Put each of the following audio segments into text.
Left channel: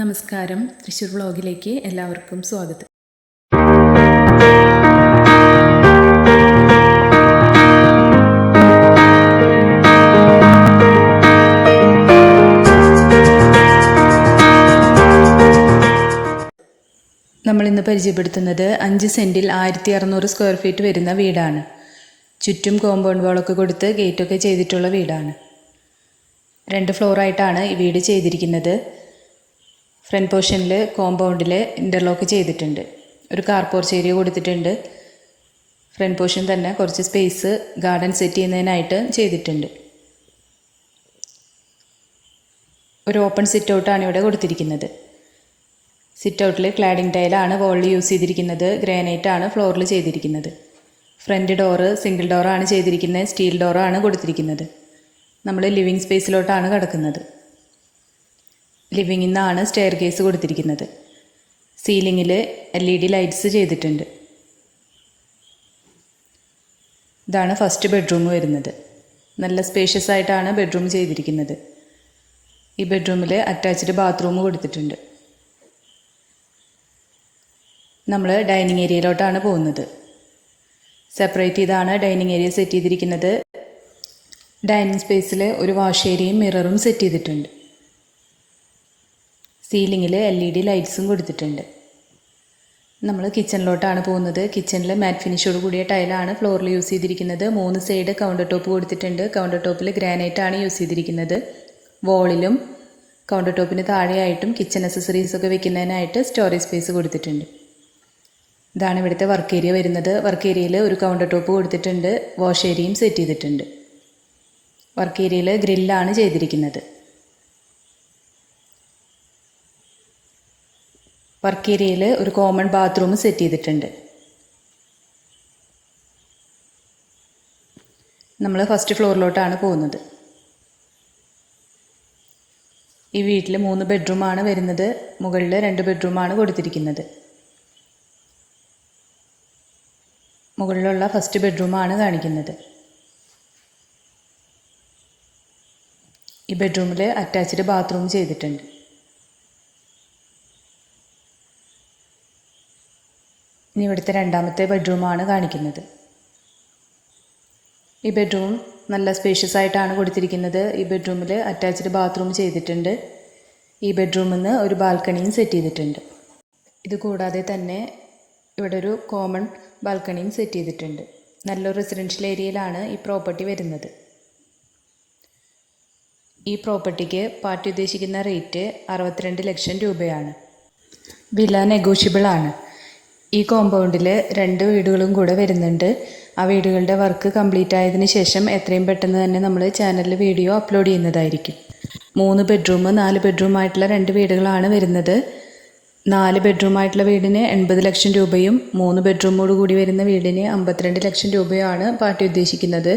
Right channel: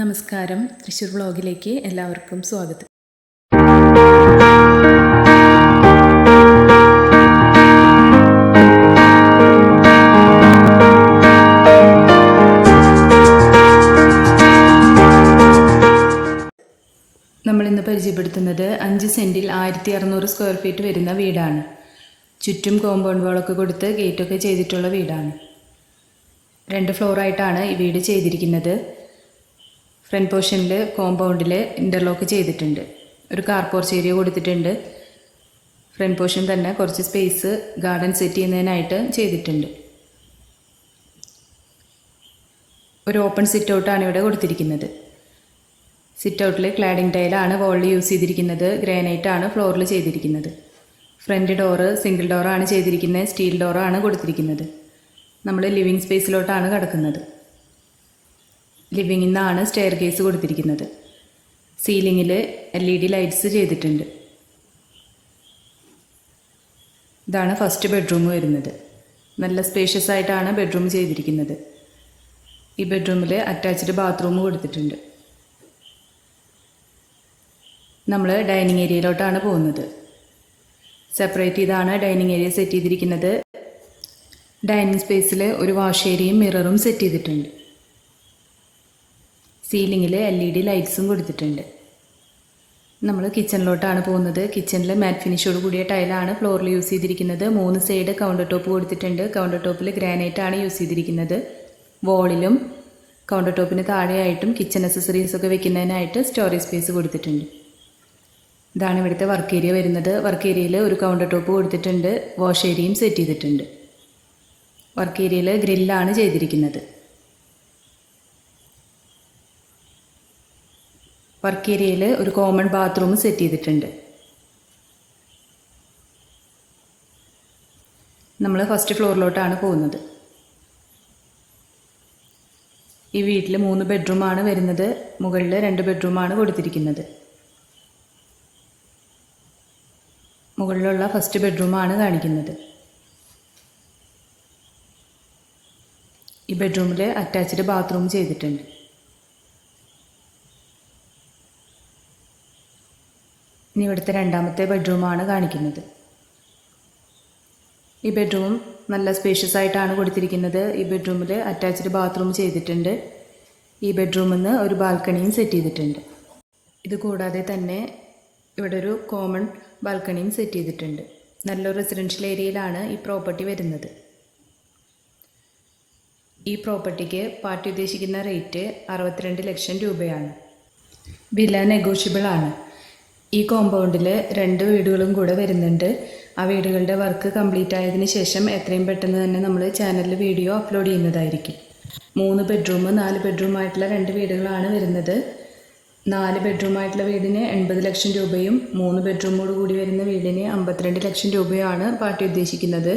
നമസ്കാരം. തൃശ്ശൂർ വ്ളോഗിലേക്ക് എല്ലാവർക്കും സ്വാഗതം. നമ്മൾ ഇന്ന് പരിചയപ്പെടുത്തുന്നത് അഞ്ച് സെന്റിൽ ആയിരത്തി അറുന്നൂറ് സ്ക്വയർ ഫീറ്റ് വരുന്ന വീടാണ്. ചുറ്റും കോമ്പൗണ്ട് വാളൊക്കെ കൊടുത്ത് ഗേറ്റൊക്കെ ചെയ്തിട്ടുള്ള വീടാണ്. രണ്ട് ഫ്ലോറായിട്ടാണ് ഈ വീട് ചെയ്തിരിക്കുന്നത്. ഫ്രണ്ട് പോർഷനിൽ കോമ്പൗണ്ടിൽ ഇന്റർലോക്ക് ചെയ്തിട്ടുണ്ട്. ഒരു കാർ പോർച്ച് ഏരിയ കൊടുത്തിട്ടുണ്ട്. ഫ്രണ്ട് പോർഷൻ തന്നെ കുറച്ച് സ്പേസ് ഗാർഡൻ സെറ്റ് ചെയ്യുന്നതിനായിട്ട് ചെയ്തിട്ടുണ്ട്. ഒരു ഓപ്പൺ സിറ്റ് ഔട്ടാണ് ഇവിടെ കൊടുത്തിരിക്കുന്നത്. സിറ്റ് ഔട്ടിൽ ക്ലാഡിംഗ് ടൈലാണ് വോളിൽ യൂസ് ചെയ്തിരിക്കുന്നത്. ഗ്രാനൈറ്റ് ആണ് ഫ്ലോറിൽ ചെയ്തിരിക്കുന്നത്. ഫ്രണ്ട് ഡോറ് സിംഗിൾ ഡോറാണ് ചെയ്തിരിക്കുന്നത്. സ്റ്റീൽ ഡോറാണ് കൊടുത്തിരിക്കുന്നത്. നമ്മൾ ലിവിങ് സ്പേസിലോട്ടാണ് കിടക്കുന്നത്. ലിവിങ്ങിൽ നിന്നാണ് സ്റ്റെയർ കേസ് കൊടുത്തിരിക്കുന്നത്. സീലിങ്ങിൽ എൽ ഇ ഡി ലൈറ്റ്സ് ചെയ്തിട്ടുണ്ട്. ഇതാണ് ഫസ്റ്റ് ബെഡ്റൂം വരുന്നത്. നല്ല സ്പേഷ്യസ് ആയിട്ടാണ് ബെഡ്റൂം ചെയ്തിരിക്കുന്നത്. ഈ ബെഡ്റൂമിൽ അറ്റാച്ച്ഡ് ബാത്റൂം കൊടുത്തിട്ടുണ്ട്. നമ്മൾ ഡൈനിങ് ഏരിയയിലോട്ടാണ് പോകുന്നത്. സെപ്പറേറ്റ് ചെയ്താണ് ഡൈനിങ് ഏരിയ സെറ്റ് ചെയ്തിരിക്കുന്നത്. ഡൈനിങ് സ്പേസിൽ ഒരു വാഷ് ഏരിയയും മിററും സെറ്റ് ചെയ്തിട്ടുണ്ട്. സീലിങ്ങിൽ എൽ ഇ ഡി ലൈറ്റ്സും കൊടുത്തിട്ടുണ്ട്. നമ്മൾ കിച്ചണിലോട്ടാണ് പോകുന്നത്. കിച്ചണിൽ മാറ്റ് ഫിനിഷോട് കൂടിയ ടൈലാണ് ഫ്ലോറിൽ യൂസ് ചെയ്തിരിക്കുന്നത്. മൂന്ന് സൈഡ് കൗണ്ടർ ടോപ്പ് കൊടുത്തിട്ടുണ്ട്. കൗണ്ടർ ടോപ്പിൽ ഗ്രാനൈറ്റ് ആണ് യൂസ് ചെയ്തിരിക്കുന്നത്. വോളിലും കൗണ്ടർ ടോപ്പിന് താഴെയായിട്ടും കിച്ചൺ അക്സസറീസ് ഒക്കെ വെക്കുന്നതിനായിട്ട് സ്റ്റോറേജ് സ്പേസ് കൊടുത്തിട്ടുണ്ട്. ഇതാണ് ഇവിടുത്തെ വർക്ക് ഏരിയ വരുന്നത്. വർക്ക് ഏരിയയിൽ ഒരു കൗണ്ടർ ടോപ്പ് കൊടുത്തിട്ടുണ്ട്. വാഷ് ഏരിയയും സെറ്റ് ചെയ്തിട്ടുണ്ട്. വർക്ക് ഏരിയയിൽ ഗ്രില്ലാണ് ചെയ്തിരിക്കുന്നത്. വർക്ക് ഏരിയയിൽ ഒരു കോമൺ ബാത്റൂം സെറ്റ് ചെയ്തിട്ടുണ്ട്. നമ്മൾ ഫസ്റ്റ് ഫ്ലോറിലോട്ടാണ് പോകുന്നത്. ഈ വീട്ടിൽ മൂന്ന് ബെഡ്റൂമാണ് വരുന്നത്. മുകളിൽ രണ്ട് ബെഡ്റൂമാണ് കൊടുത്തിരിക്കുന്നത്. മുകളിലുള്ള ഫസ്റ്റ് ബെഡ്റൂമാണ് കാണിക്കുന്നത്. ഈ ബെഡ്റൂമിൽ അറ്റാച്ച്ഡ് ബാത്റൂം ചെയ്തിട്ടുണ്ട്. ഇനി ഇവിടുത്തെ രണ്ടാമത്തെ ബെഡ്റൂമാണ് കാണിക്കുന്നത്. ഈ ബെഡ്റൂം നല്ല സ്പേഷ്യസ് ആയിട്ടാണ് കൊടുത്തിരിക്കുന്നത്. ഈ ബെഡ്റൂമിൽ അറ്റാച്ച്ഡ് ബാത്റൂം ചെയ്തിട്ടുണ്ട്. ഈ ബെഡ്റൂമിൽ നിന്ന് ഒരു ബാൽക്കണിയും സെറ്റ് ചെയ്തിട്ടുണ്ട്. ഇത് കൂടാതെ തന്നെ ഇവിടെ ഒരു കോമൺ ബാൽക്കണിയും സെറ്റ് ചെയ്തിട്ടുണ്ട്. നല്ലൊരു റെസിഡൻഷ്യൽ ഏരിയയിലാണ് ഈ പ്രോപ്പർട്ടി വരുന്നത്. ഈ പ്രോപ്പർട്ടിക്ക് പാർട്ടി ഉദ്ദേശിക്കുന്ന റേറ്റ് അറുപത്തിരണ്ട് ലക്ഷം രൂപയാണ്. വില നെഗോഷ്യബിൾ ആണ്. ഈ കോമ്പൗണ്ടിൽ രണ്ട് വീടുകളും കൂടെ വരുന്നുണ്ട്. ആ വീടുകളുടെ വർക്ക് കംപ്ലീറ്റ് ആയതിനു ശേഷം എത്രയും പെട്ടെന്ന് തന്നെ നമ്മൾ ചാനലിൽ വീഡിയോ അപ്ലോഡ് ചെയ്യുന്നതായിരിക്കും. മൂന്ന് ബെഡ്റൂം നാല് ബെഡ്റൂം ആയിട്ടുള്ള രണ്ട് വീടുകളാണ് വരുന്നത്. നാല് ബെഡ്റൂം ആയിട്ടുള്ള വീടിന് എൺപത് ലക്ഷം രൂപയും മൂന്ന് ബെഡ്റൂമോട് കൂടി വരുന്ന വീടിന് അമ്പത്തിരണ്ട് ലക്ഷം രൂപയുമാണ് പാർട്ടി ഉദ്ദേശിക്കുന്നത്.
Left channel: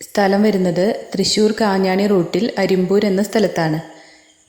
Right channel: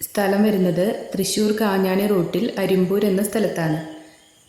സ്ഥലം വരുന്നത് തൃശ്ശൂർ കാഞ്ഞാണി റൂട്ടിൽ അരിമ്പൂർ എന്ന സ്ഥലത്താണ്.